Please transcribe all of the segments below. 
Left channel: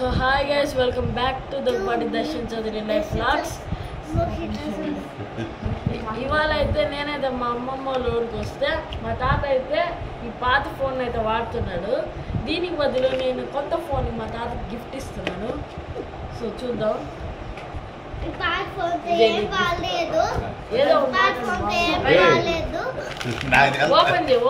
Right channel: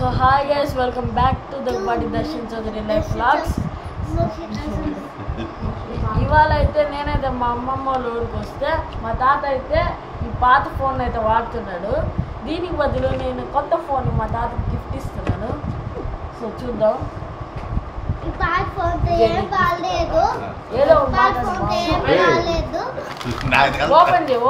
So hi guys, welcome back to the Body Darshan Chaudhary Life Vlogs. ఇవాళ అయితే నేనైతే మా అమ్మమ్మ వాళ్ళ ఊరికి వస్తే మా తాత అయితే ఈ పాత ఫోన్ అయితే వాడుతున్నాడు. దీనికి బదులు నేను కొత్త ఫోన్ మా తాతకి గిఫ్ట్ ఇస్తున్నాను. సో చూద్దాం. ఏదో ఓపెన్ చేయి.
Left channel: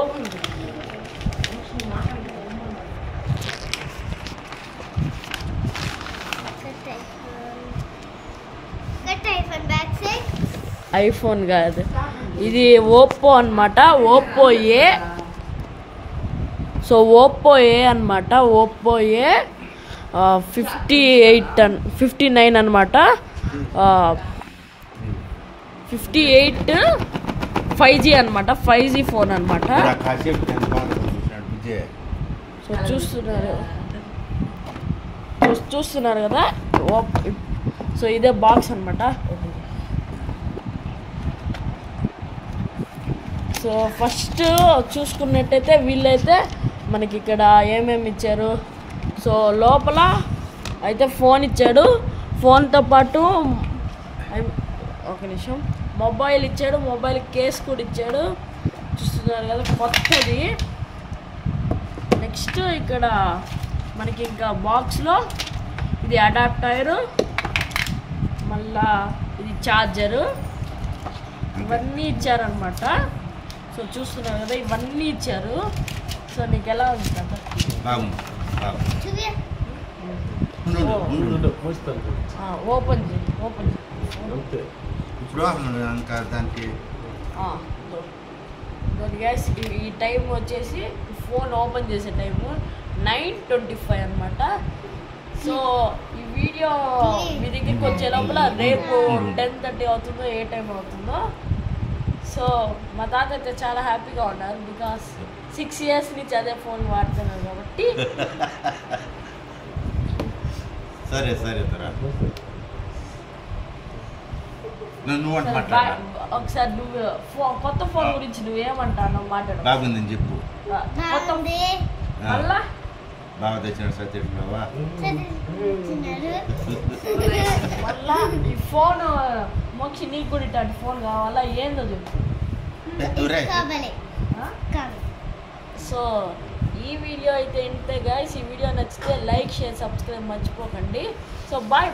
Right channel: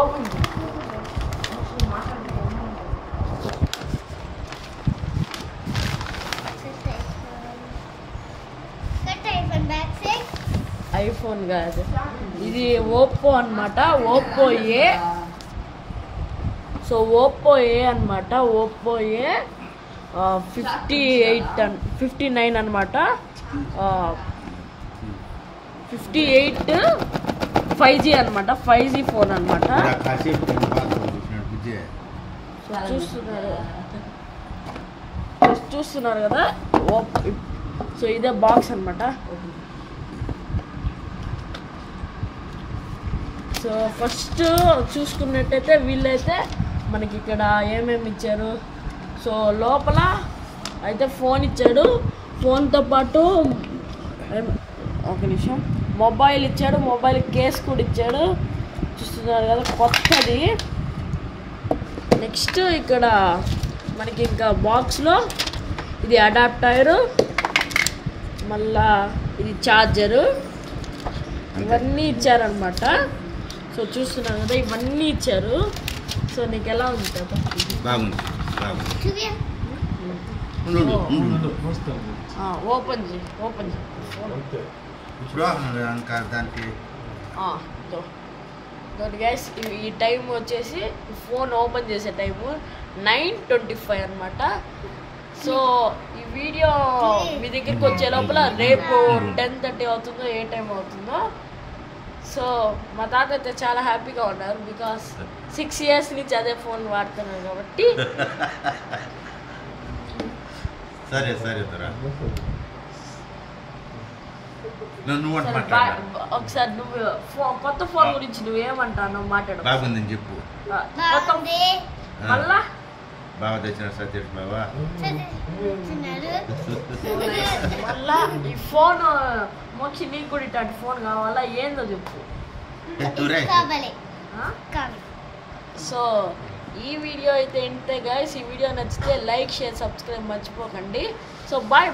ఐఫోన్ కాదు, ఇది ఓప్పో అనమాట. Oppo A. So Oppo A అనమాట. ఓప్పో ఏ 59 అనమాట. 58 5G అనమాట. 5G ఫోన్ అనమాట. సో చూస్తున్నారు కదా. సో ఇదే బాక్స్ అనమాట. సో ఫస్ట్ చూసుకున్నట్టయితే వీళ్ళైతే మనకి ఇక్కడ ఏమేమి ఇచ్చారు. సో లోపల అయితే ఫోన్ ఇచ్చాడు. ఫోన్తో పాటు ఒక నిమిషం మొబైల్ ఇచ్చాడు. మొబైల్ కేస్ కూడా ఇచ్చాడు. చూస్తున్నారు కదా, కొత్తది. నెక్స్ట్ ఇక్కడ మనకి ఇంకా బాక్స్లో ఇది అడాప్టర్, మళ్ళా ఇది ఛార్జరు, ఇవన్నీ ఇచ్చారనమాట. సో చూస్తున్నారు కదా, ఇవన్నీ ఇచ్చారు. సో నీకు ఎలా ఉంది కదా? Open gas. ఈ టైం వచ్చేసి ఫోన్ ఓపెన్ చేసే టైము 9:25 అనమాట. సో ఈ వీడియో మీ దగ్గరికి వచ్చే లోపల రేపు 10:30 అవుతుందో ఏ టైం అవుతుందో. సో మా తాత అయితే చాలా హ్యాపీగా ఉన్నారు. బికాస్ 6 years నుంచి అదే ఫోన్ వాడుతున్నారు కాబట్టి. సరే ఒకసారి నువ్వు కొత్త ఫోన్ గురించి నువ్వేమంటావు మాట్లాడు. బాగుందని చెప్పు. మళ్ళా బాగా తెచ్చిన సత్యం బాబా. మళ్ళా ఈ ఫోన్ మోక్షి నీకు కూడా ఇట్లాంటి ఫోన్ కావాలా ఏందో చెప్పు. సో ఈ వీడియో అయితే ఇంతే గైస్. ఈ వీడియో నచ్చితే లైక్, షేర్, సబ్స్క్రైబ్ మర్చిపోకండి. So bye.